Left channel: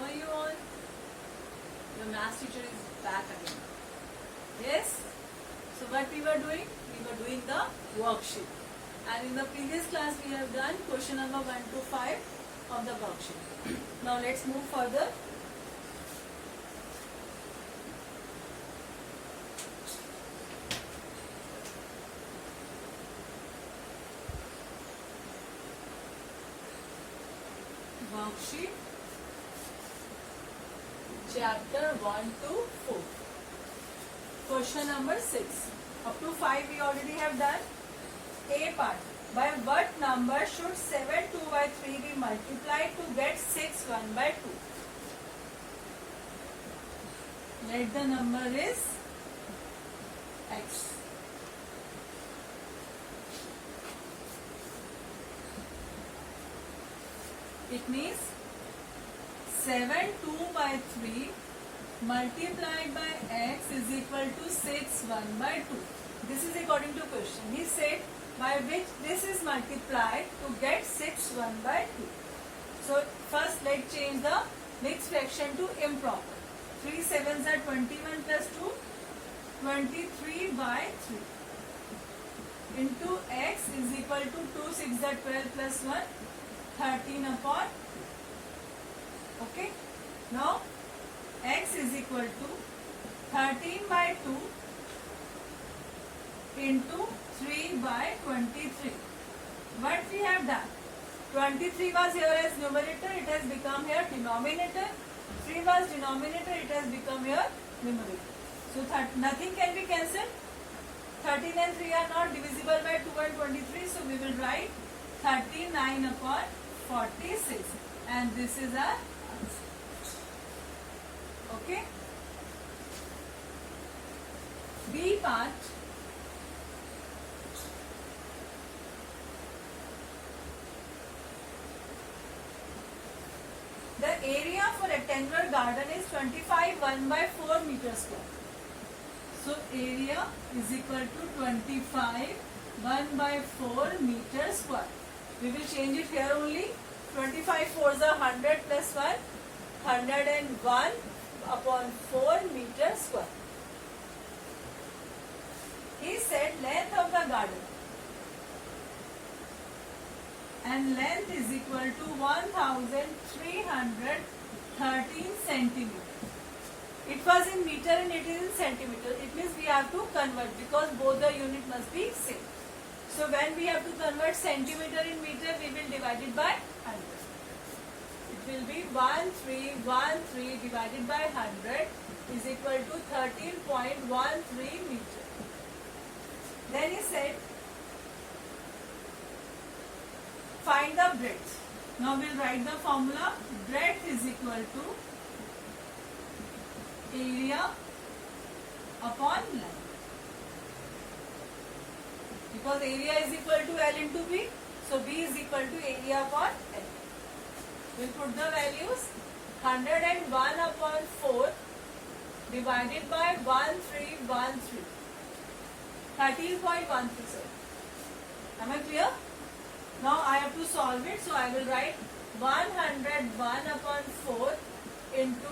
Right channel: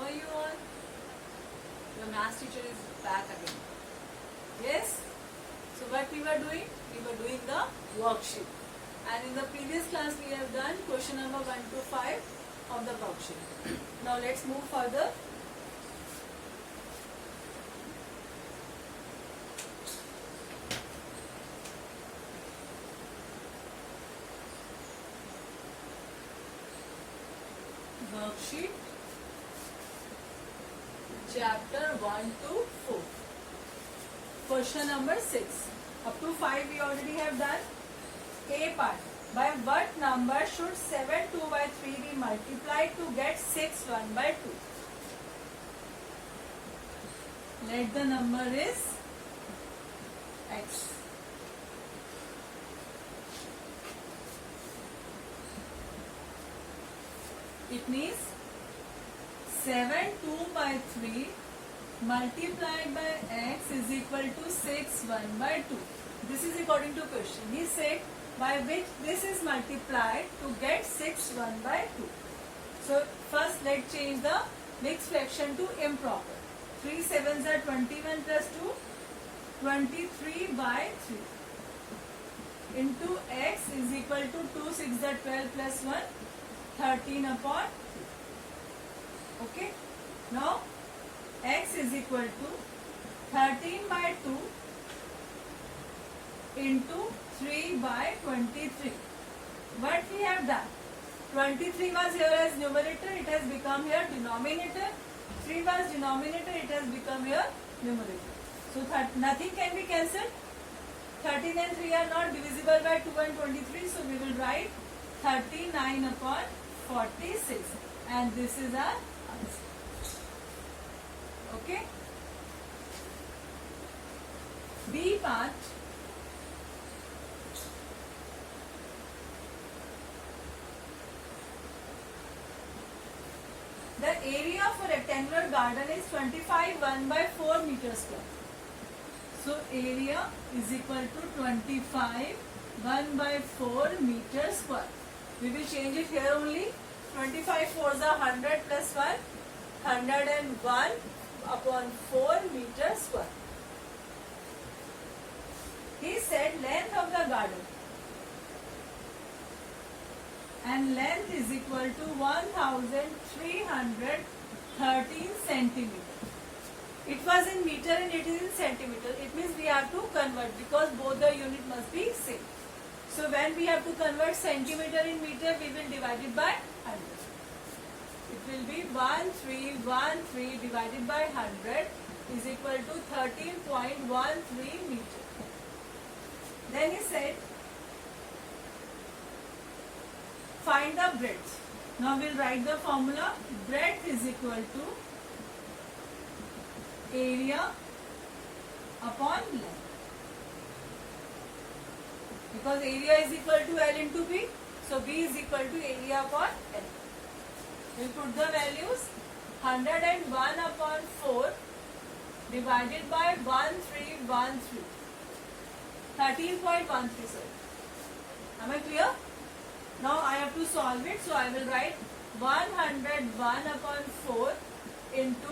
How are you all? Your math teacher is back again. Yes? So what we were doing? We were doing the worksheet. And in the previous class we have done question number 1 to 5 of the worksheet. Now let's move further. Worksheet chapter 1 to 4. Question number 6. Up to 5 we already have done. A part. By what number should 7 2 by 3 be multiplied to get 6 1 by 2? Let the number is x. It means 7 2 by 3 multiplied by x is equal to 6 1 by 2. This is according to question. He said by which this is multiplied to get 6 1 by 2. So first let's change the mixed fraction to improper. 3 7s are 21 plus 2, 23 by 3 into x is equal to 2 6 are 12 plus 1, 13 upon 2. Okay. Now x is equal to 13 by 2 into 3 by 23. What we have done? 23 was here as numerator, it has become here denominator. 3 was denominator, it has become here numerator. So nothing can be cancelled. 13 and 3 are not divisible by 2 and 23. So we will write 39 upon 46. And this is our answer. Okay. B part. The area of a rectangular garden is 25 1 by 4 meters square. So area is equal to 25 1 by 4 meters square. We will change it here only. 25 4s are 100 plus 1, 101 upon 4 meters square. He said length of the garden and length is equal to 1313 centimeters. It was in meter and it is in centimeter. It means we have to convert because both the unit must be same. So when we have to convert centimeter in meter, we will divide it by 100. It will be 1313 divided by 100 is equal to 13.13 meter. Then he said, find the breadth. Now we will write the formula. Breadth is equal to area upon length. Because area is equal to L into B. So B is equal to area upon L. We will put the values. 101 upon 4 divided by 1313. 13.13. Am I clear? Now I have to solve it. So I will write 101 upon 4 into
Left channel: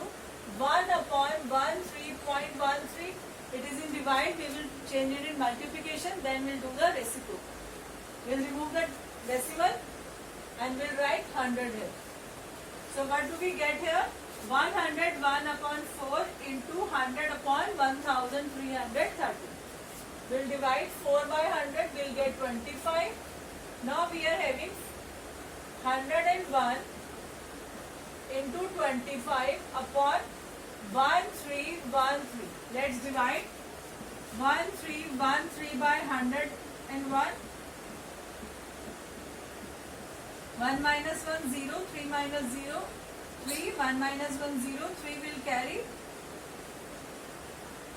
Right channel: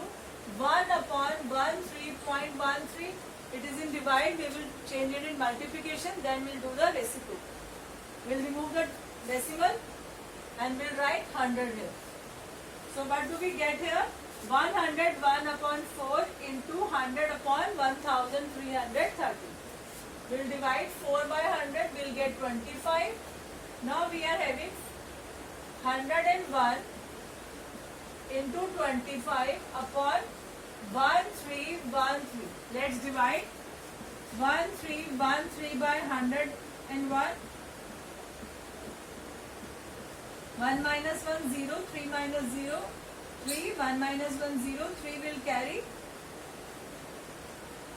1 upon 13.13. It is in divide. We will change it in multiplication. Then we will do the reciprocal. We will remove the decimal and we will write 100 here. So what do we get here? 101 upon 4 into 100 upon 1330. We will divide 4 by 100. We will get 25. Now we are having 101 into 25 upon 1313. Let's divide 1313 by 101. 1 minus 1 0, 3 minus 0 3, 1 minus 1 0, 3 will carry.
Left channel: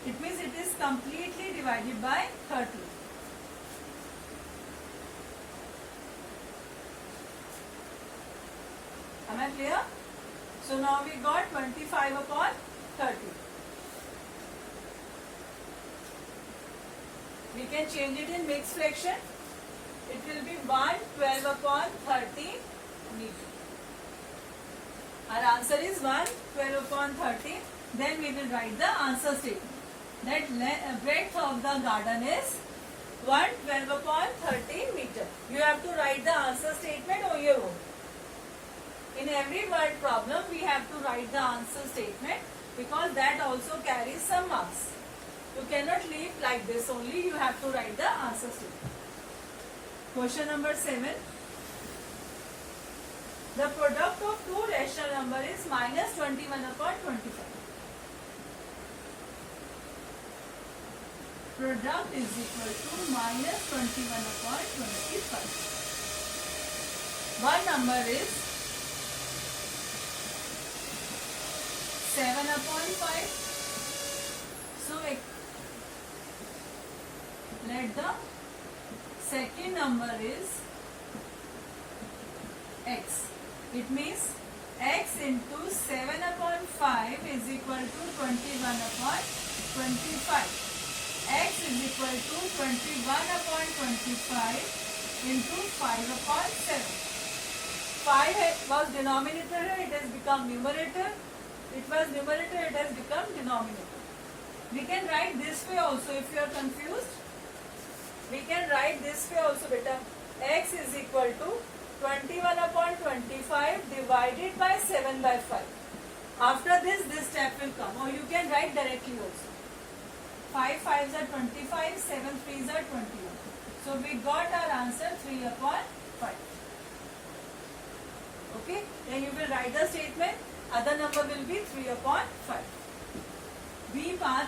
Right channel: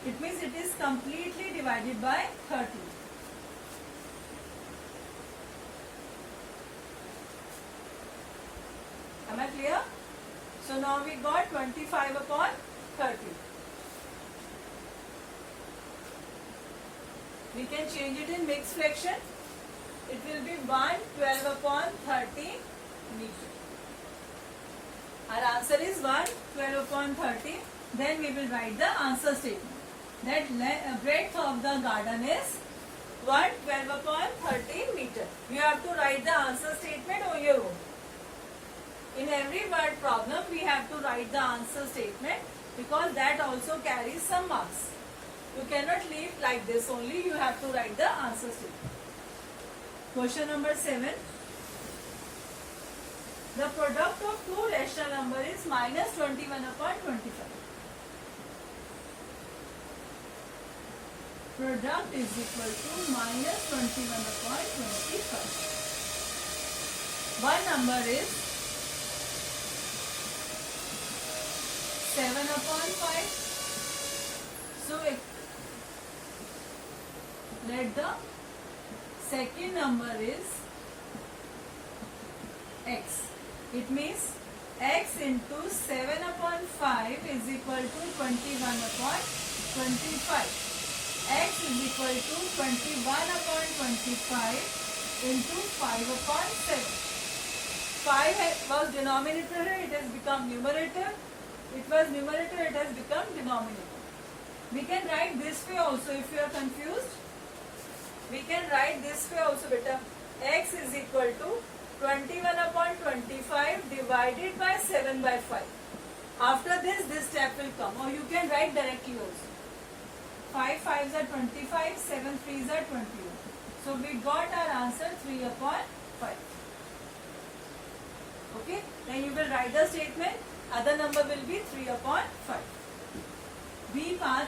It means it is completely divided by 30. Am I clear? So now we got 25 upon 30. We can change it in mixed fraction. It will be 112 upon 30 meter. Our answer is 112 upon 13. Then we will write the answer statement. That breadth of the garden is 112 upon 13 meter. You have to write the answer statement on your own. In every word problem, we have to write the answer statement because that also carries some marks. You cannot leave like this only. You have to write the answer statement. Question number 7. The product of two rational number is minus 21 upon 25. Product is equal to minus 21 upon 25. One number is 7 upon 5. So let the second number is x. It means x into 7 upon 5 is equal to 21 upon 25. X is equal to 21 upon 25 into 5 upon 7. 5 was denominator, it has become numerator. It was numerator, it has become denominator. We can write this way also if you are confused. We can write this way also, beta. X is equal to 21 upon 25 divided by 7 by 5. After this step will come, or you can write directly also. 5 5s are 25, 7 3s are 21. So we got our answer 3 upon 5. Okay, then you will write the statement. Other number will be 3 upon 5. B5.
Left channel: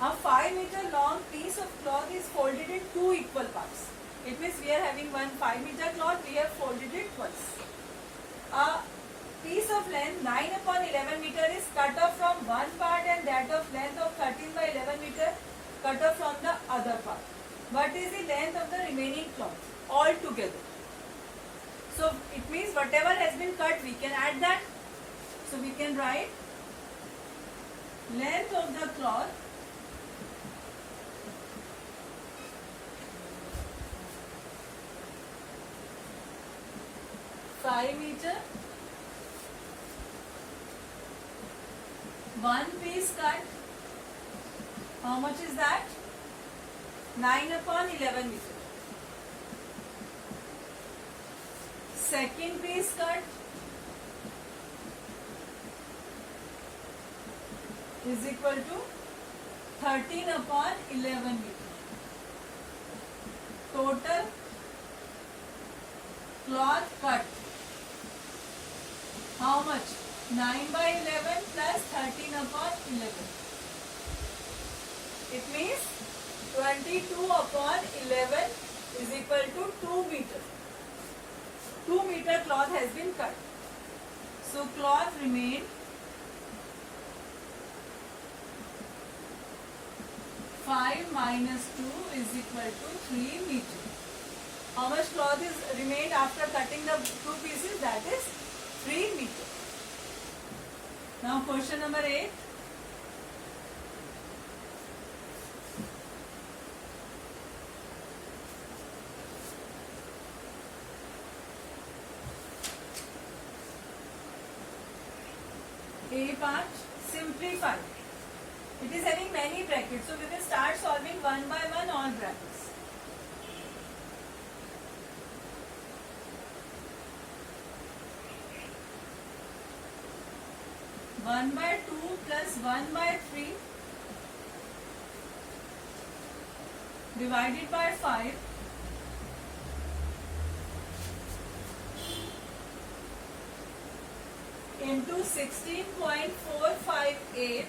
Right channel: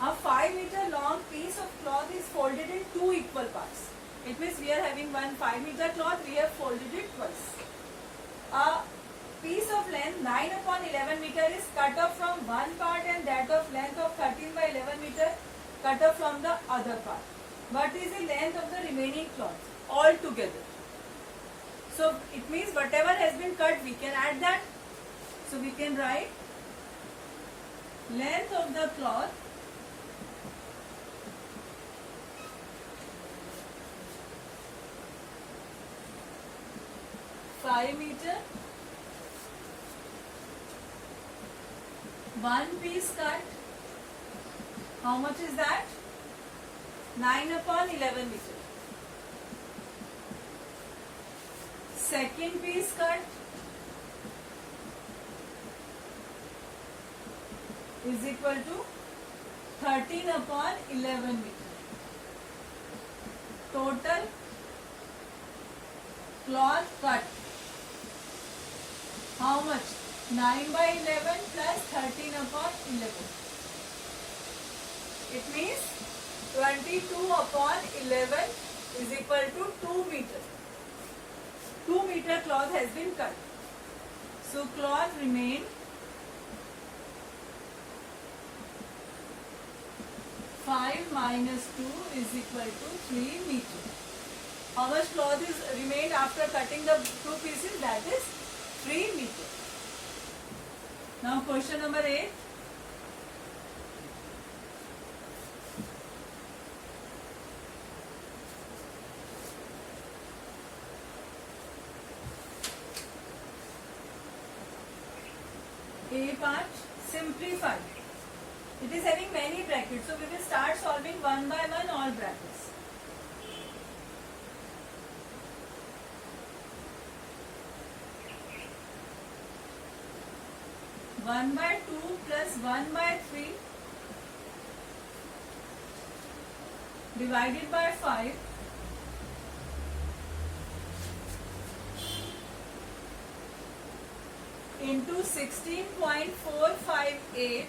A 5 meter long piece of cloth is folded in two equal parts. It means we are having one 5 meter cloth, we have folded it twice. A piece of length 9 upon 11 meter is cut off from one part and that of length of 13 by 11 meter cut off from the other part. What is the length of the remaining cloth all together? So it means whatever has been cut, we can add that. So we can write length of the cloth (5 meter), one piece cut. How much is that? 9 upon 11 meter. Second piece cut is equal to 13 upon 11 meter. Total cloth cut. How much? 9 by 11 plus 13 upon 11. It means 22 upon 11 is equal to 2 meter. 2 meter cloth has been cut. So cloth remained 5 minus 2 is equal to 3 meter. How much cloth is remained after cutting the two pieces? That is 3 meter. Now question number 8. A part, simplify. It is having many brackets, so we will start solving one by one all brackets. One by 2 plus 1 by 3 divided by 5 into 16.458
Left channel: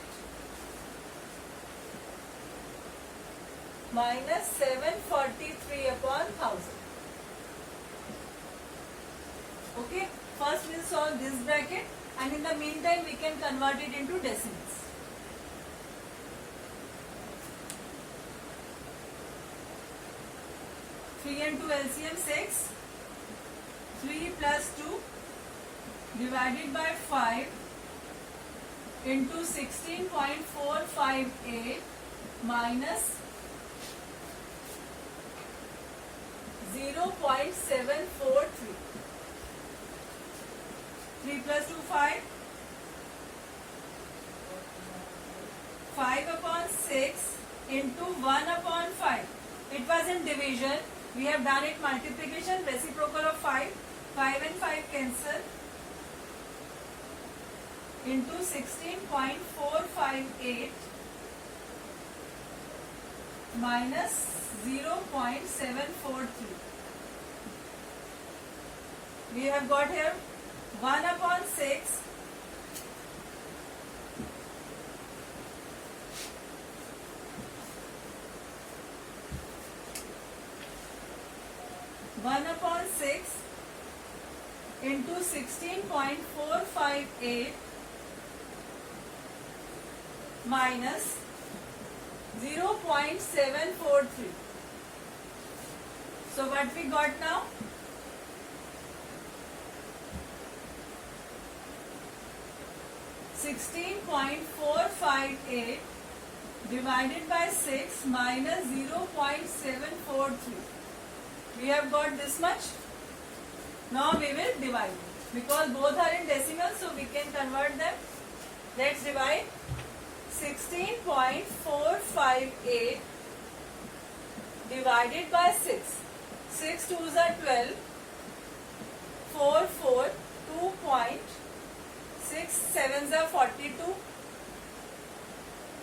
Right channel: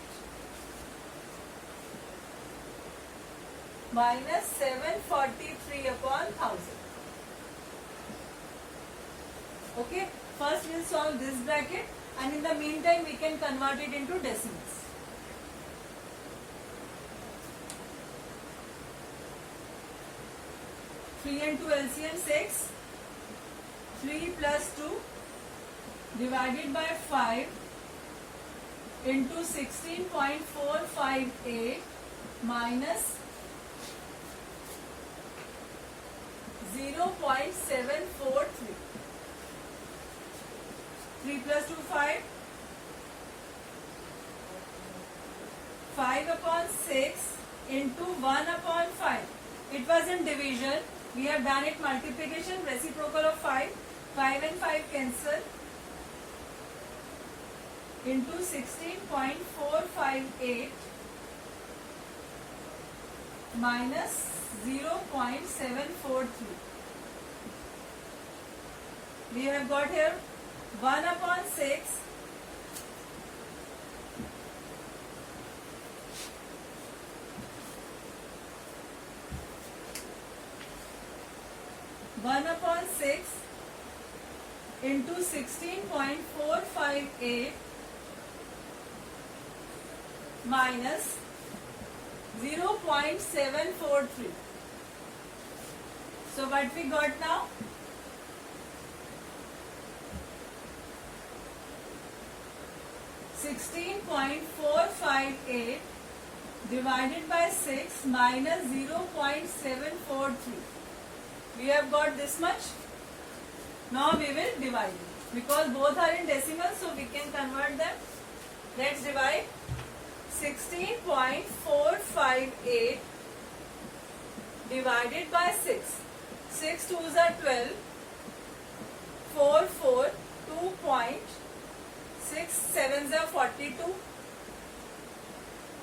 minus 743 upon 1000. Okay, first we'll solve this bracket and in the meantime we can convert it into decimals. Three and 2 LCM 6. 3 plus 2 divided by 5 into 16.458 minus 0.743. 3 plus 2, 5. 5 upon 6 into 1 upon 5. It was in division. We have done it multiplication, reciprocal of 5. 5 and 5 cancel. Into 16.458 minus 0.743. We have got here 1 upon 6 1 upon 6 into 16.458 minus 0.743. So what we got now? 16.458 divided by 6 minus 0.743. We have got this much. Now we will divide it. Because both are in decimal, so we can convert them. Let's divide. 16.458 divided by 6. 6 2s are 12. 4 4 2.6 7s are 42.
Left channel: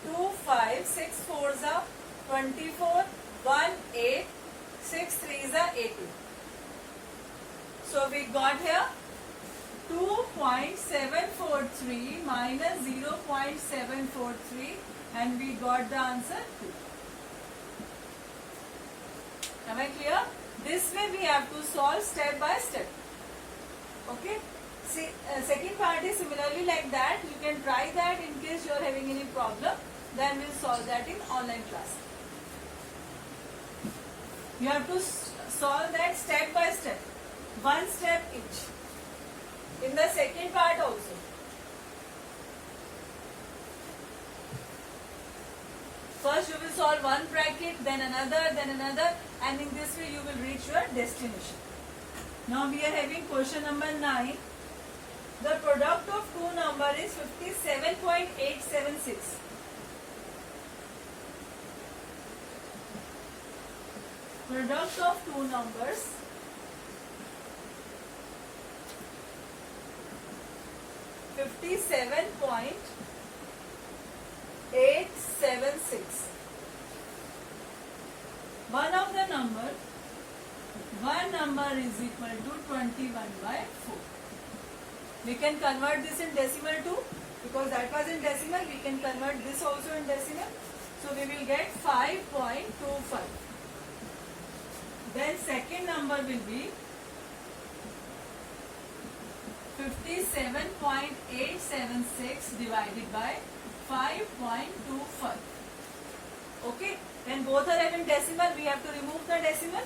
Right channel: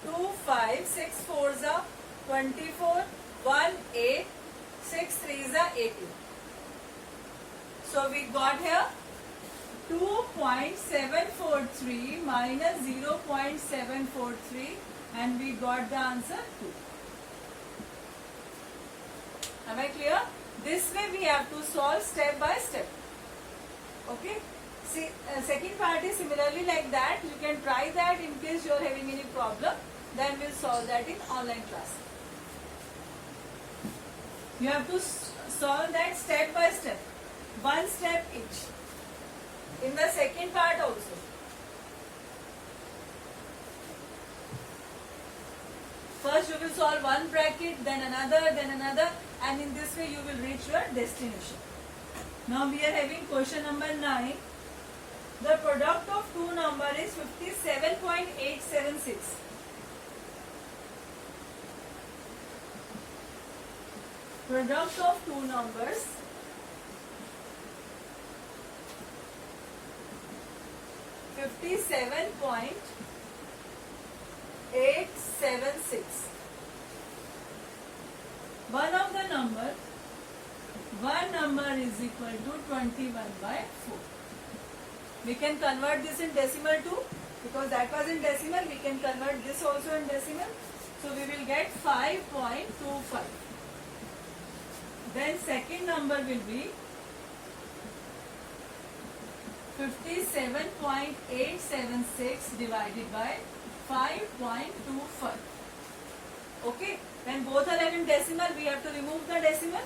2 5 6 4s are 24. 1 8 6 3s are 18. So we got here 2.743 minus 0.743 and we got the answer 2. Am I clear? This way we have to solve step by step. Okay? See, second part is similarly like that. You can try that in case you are having any problem. Then we'll solve that in online class. You have to solve that step by step. One step each. In the second part also. First you will solve one bracket, then another, and in this way you will reach your destination. Now we are having question number 9. The product of two numbers is 57.876. Product of two numbers 57.876. One of the number, one number is equal to 21 by 4. We can convert this in decimal too, because that was in decimal. We can convert this also in decimal. So we will get 5.25. Then second number will be 57.876 divided by 5.25. Okay. When both are having decimal, we have to remove the decimal.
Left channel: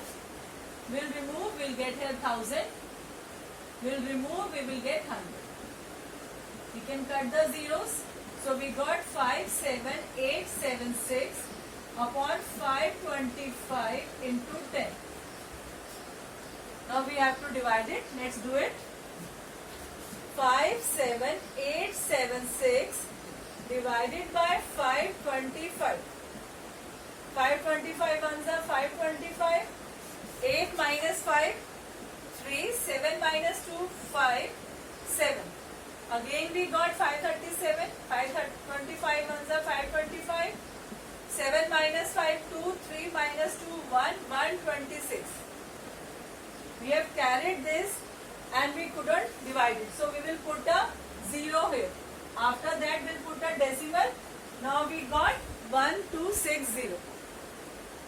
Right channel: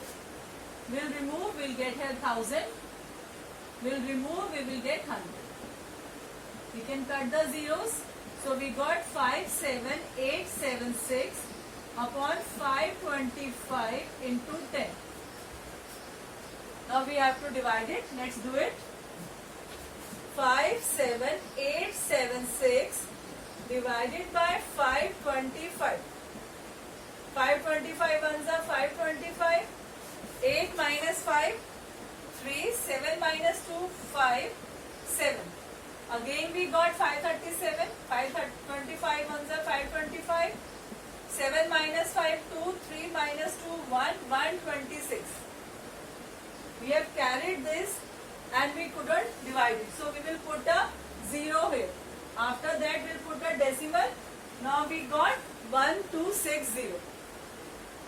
We'll remove, we'll get here 1000. We'll remove, we will get 100. We can cut the zeros. So we got 57876 upon 525 into 10. Now we have to divide it. Let's do it. 57876 divided by 525. 525 ones are 525. 8 minus 5, 3. 7 minus 2, 5. 7. Again we got 537. 525 ones are 525. 7 minus 5, 2. 3 minus 2, 1. 126. We have carried this and we couldn't divide it. So we will put a 0 here. After that we'll put a decimal. Now we got 1260.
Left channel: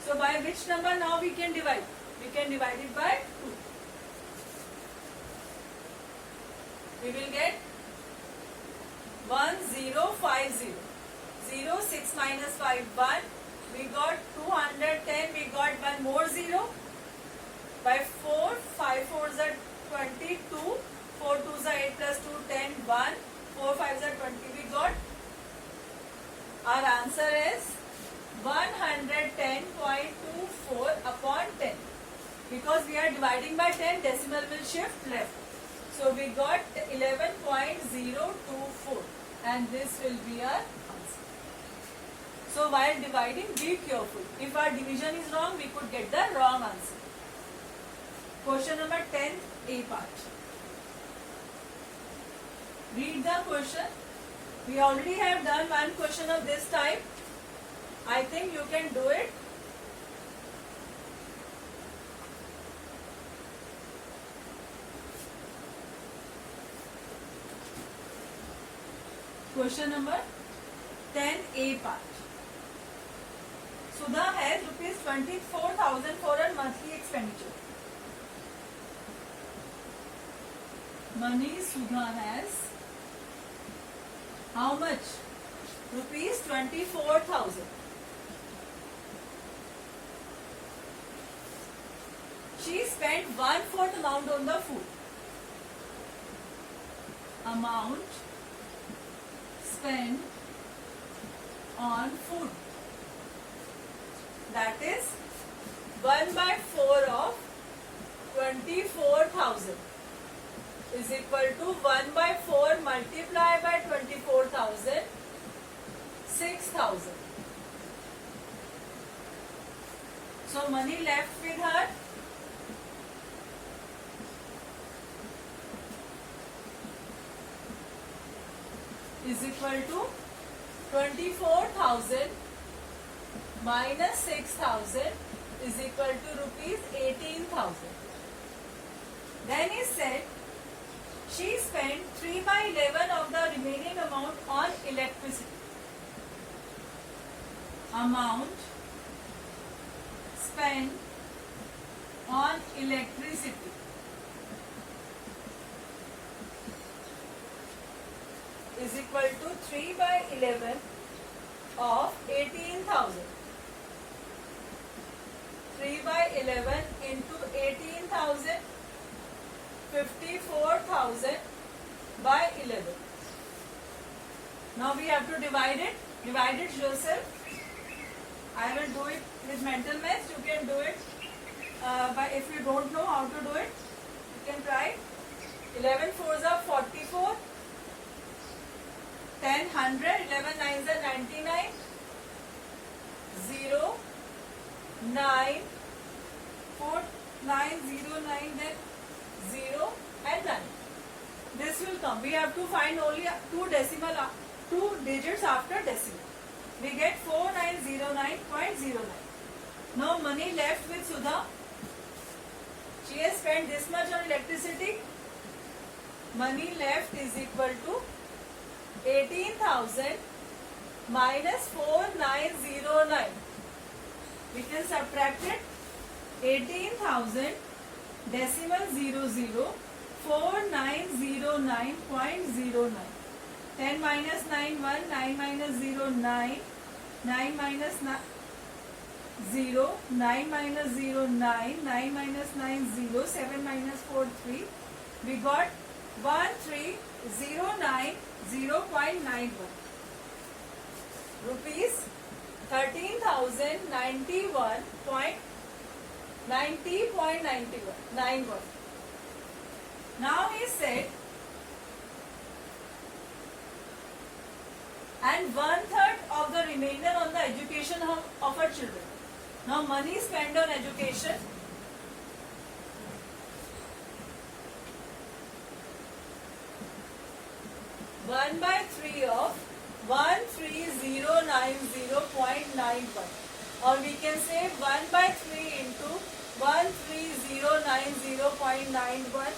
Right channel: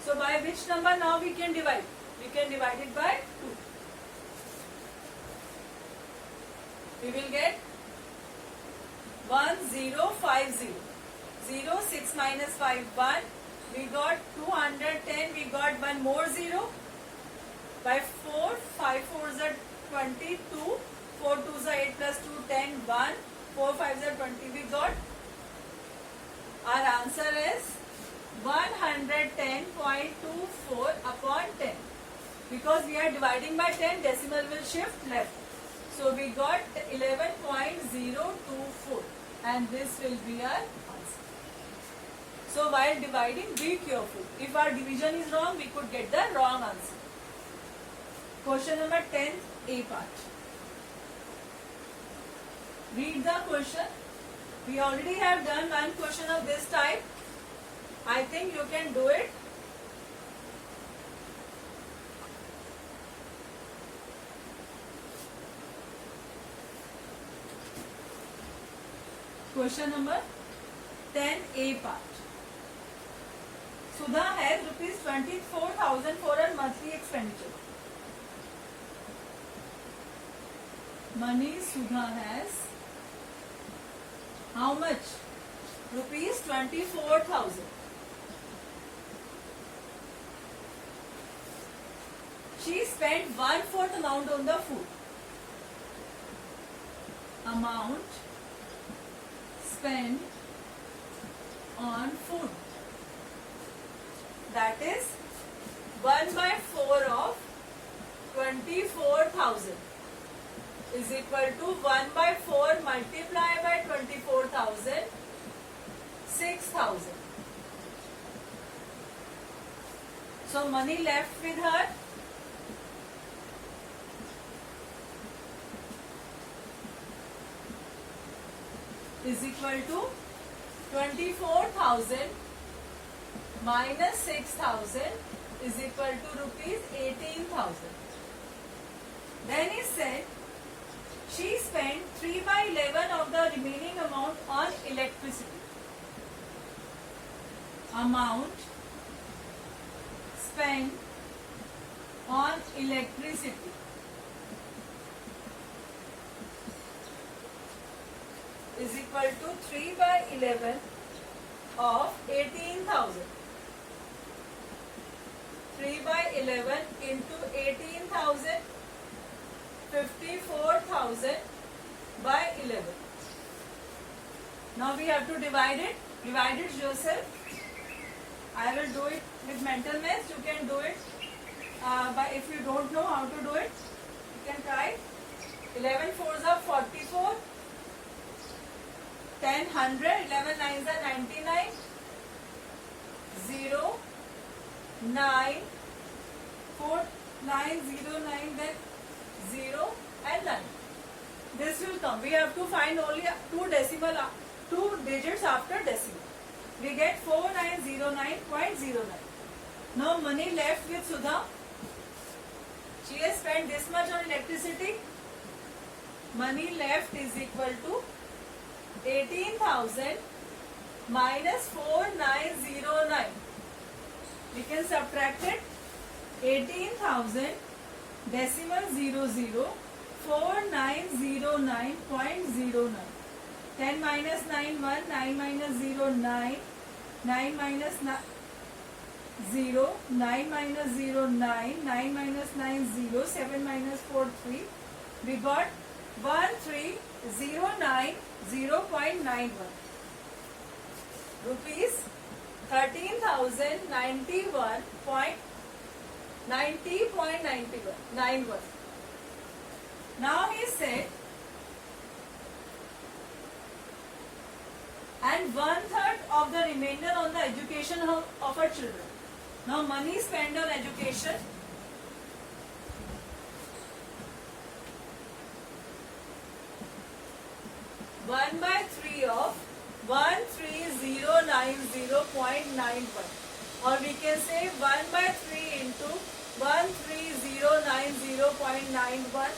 So by which number now we can divide? We can divide it by 2. We will get 1050. 0, 6 minus 5, 1. We got 210. We got one more 0. By 4, 5 4s are 22. 4 2s are 8 plus 2, 10, 1. 4 5s are 20. We got. Our answer is 110.24 upon 10. Because we are dividing by 10, decimal will shift left. So we got 11.024 and this will be our answer. So while dividing, be careful. If our division is wrong, we could get the wrong answer. Question number 10, A part. Read the question. We already have done one question of this type. I think you can do it. Question number 10, A part. Sudha has ₹24,000 for her monthly expenditure. Money Sudha has how much? ₹24,000. She spent 1/4 amount on the food. Amount spent on food. That is 1/4 of 24,000 is equal to 1/4 multiplied by 24,000, 6,000. So money left with her is equal to 24,000 minus 6,000 is equal to ₹18,000. Then he said she spent 3/11 of the remaining amount on electricity. Amount spent on electricity is equal to 3/11 of 18,000. 3/11 into 18,000, 54,000 by 11. Now we have to divide it. Divide it yourself. I will do it with mental math. You can do it. But if you don't know how to do it, you can try. 11 fours are 44. 10 100. 11 nines are 99. 0 9 4 9 0 9 then 0 and 9. This will come. We have to find only two digits after decimal. We get 4909.09. Now money left with Sudha. She has spent this much on electricity. Money left is equal to 18,000 minus 4909. We can subtract it. 18,000 decimal 00 4909.09. 10 minus 9 1, 9 minus 0 9, 9 minus 0, 9 minus 0 9, 9 minus 9 0, 7 minus 4 3. We got 1309.91. Rupees 13,091.90.91. Now he said, and 1/3 of the remainder on the education of her children. Now money spent on education. One by 3 of 13,090.91, or we can say 1/3 into 13,090.91.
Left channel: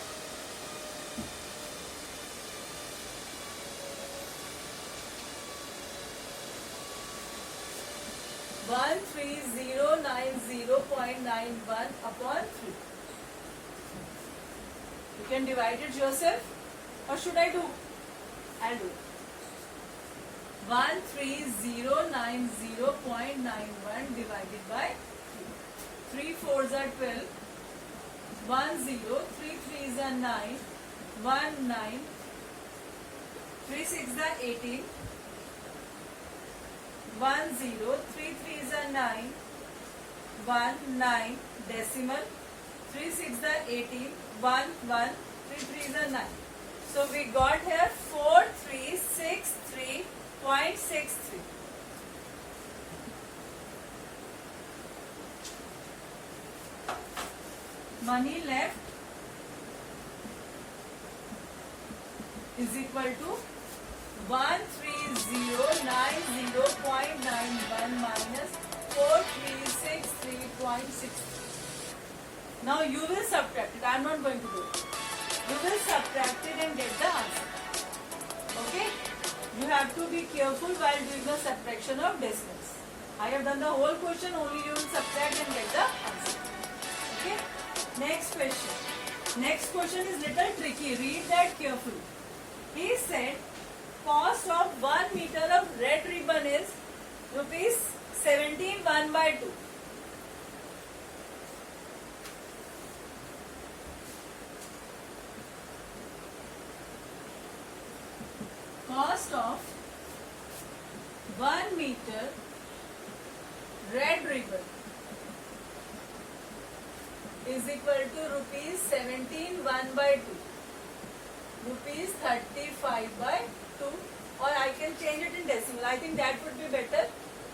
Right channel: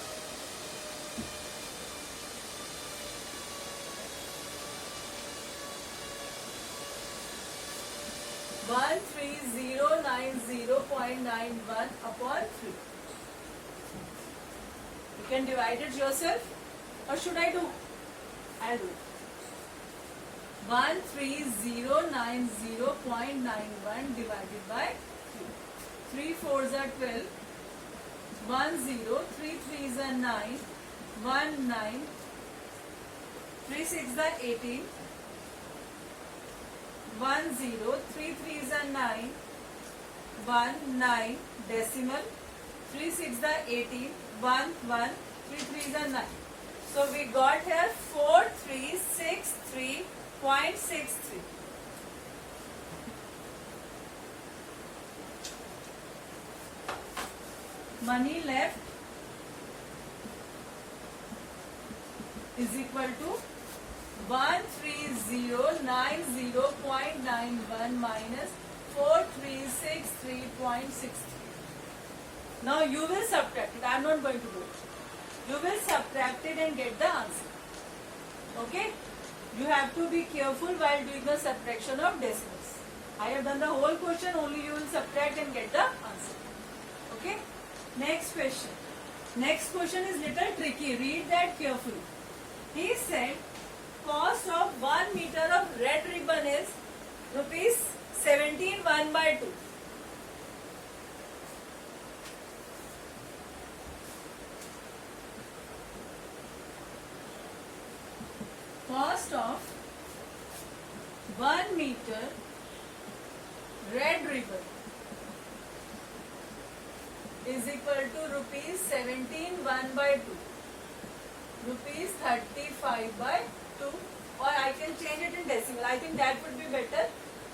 13,090.91 upon 3. You can divide it yourself, or should I do? I'll do it. 13,090.91 divided by 3. 3 fours are 12. 1 0. 3 threes are 9. 1 9. 3 6 are 18. 1 0. 3 threes are 9. 1 9 decimal 3 6 are 18, 1 1, 3 3 are 9. So we got here 4363.63. Money left is equal to 1390.91 minus 4363.63. Now you will subtract it. I am not going to do it. You will subtract it and get the answer. Okay? You have to be careful while doing the subtraction of decimals. I have done the whole question, only you will subtract and get the answer. Okay? Next question. Next question is little tricky. Read that carefully. He said cost of 1 meter of red ribbon is rupees 17 1/2. Cost of 1 meter red ribbon is equal to rupees 17 1/2. Rupees 35/2, or I can change it in decimal. I think that would be better.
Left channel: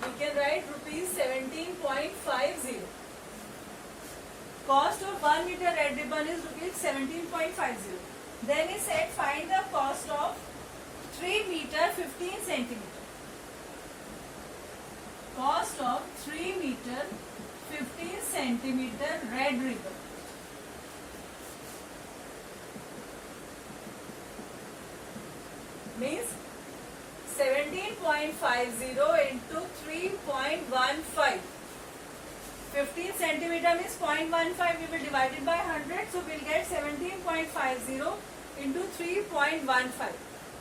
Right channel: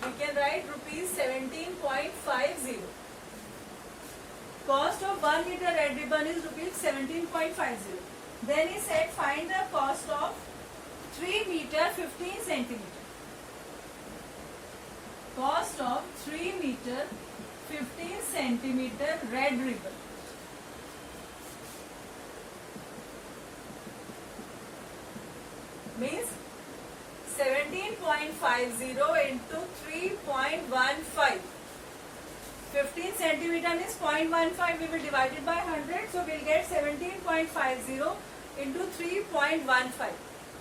We can write rupees 17.50. Cost of 1 meter red ribbon is rupees 17.50. Then he said find the cost of 3 meter 15 centimeter. Cost of 3 meter 15 centimeter red ribbon. Means 17.50 into 3.15. 15 centimeter means 0.15. We will divide it by 100. So we will get 17.50 into 3.15.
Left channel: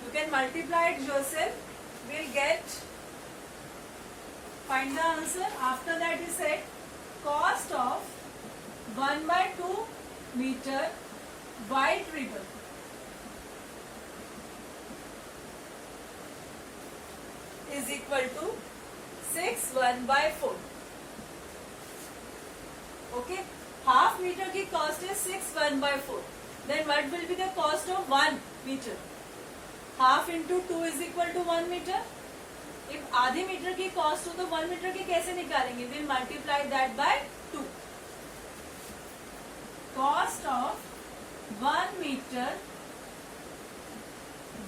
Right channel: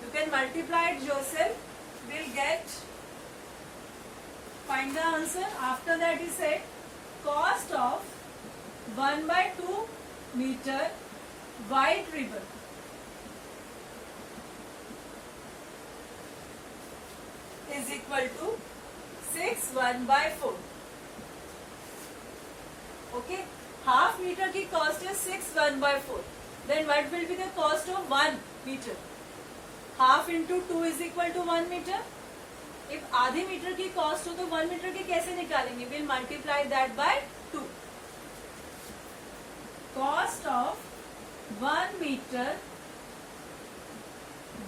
You can multiply it yourself. We will get, find the answer. After that he said cost of 1/2 meter white ribbon is equal to 6 1/4. Okay, half meter की cost is 6 1/4. Then what will be the cost of 1 meter? Half into 2 is equal to 1 meter. If आधे metre की cost हो तो 1 metre की कैसे निकालेंगे? We'll multiply that by 2. Cost of 1 meter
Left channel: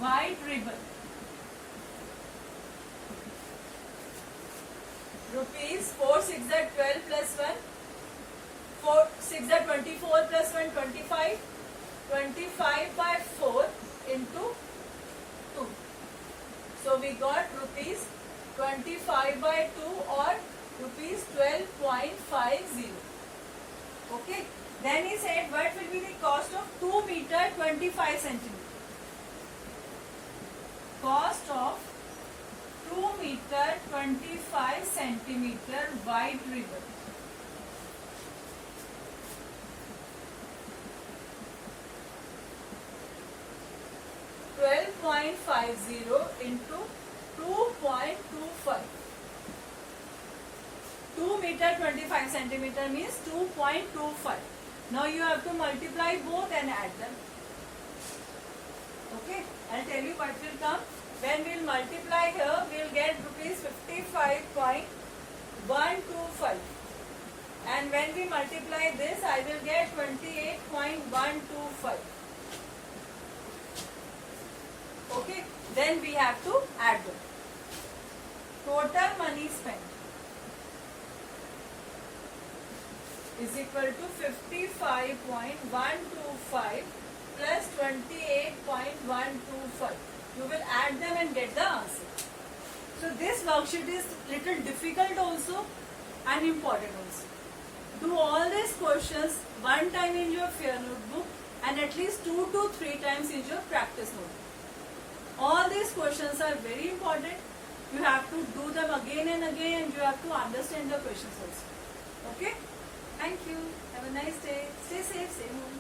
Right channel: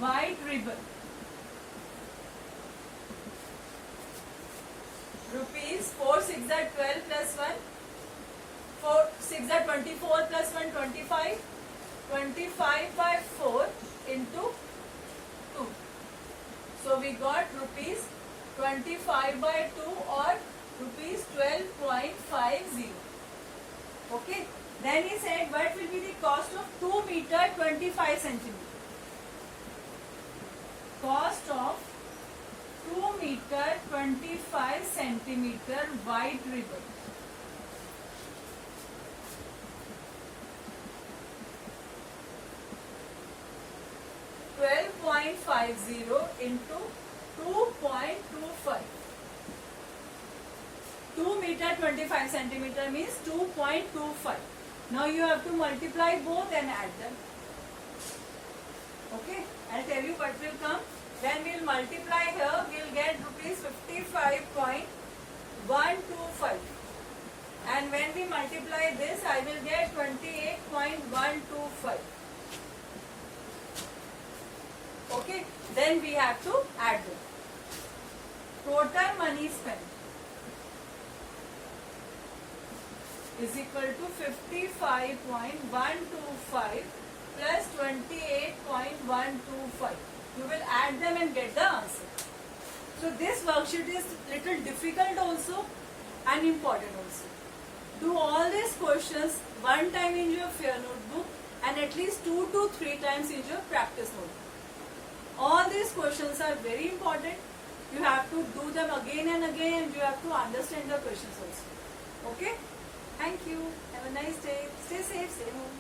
white ribbon rupees 4 6 are 12 plus 1, 4 6 are 24 plus 1 25, 25/4 into 2. So we got rupees 25/2 or rupees 12.50. Okay. Then he said what will be the cost of 2 meter 25 centimeter. Cost of 2 meter 25 centimeter white ribbon. $12.50 into 2.25. 2 meter 25 centimeter means 2.25. Now you have to multiply both and add them. Okay, I'll tell you what will come. When we'll multiply here, we'll get rupees 55.125. And when we multiply this, I will get 28.125. Okay, then we have to add them. Total money spent is equal to 55.125 plus 28.125. You will add them and get the answer. So this worksheet is little difficult also and important also. Do all these questions one time in your fair notebook and at least 2 to 3 times in your practice notebook. All these questions are very important. You have to do them again and again and you have to understand the questions also. Okay? Thank you. Have a nice day. Stay safe. Stay home.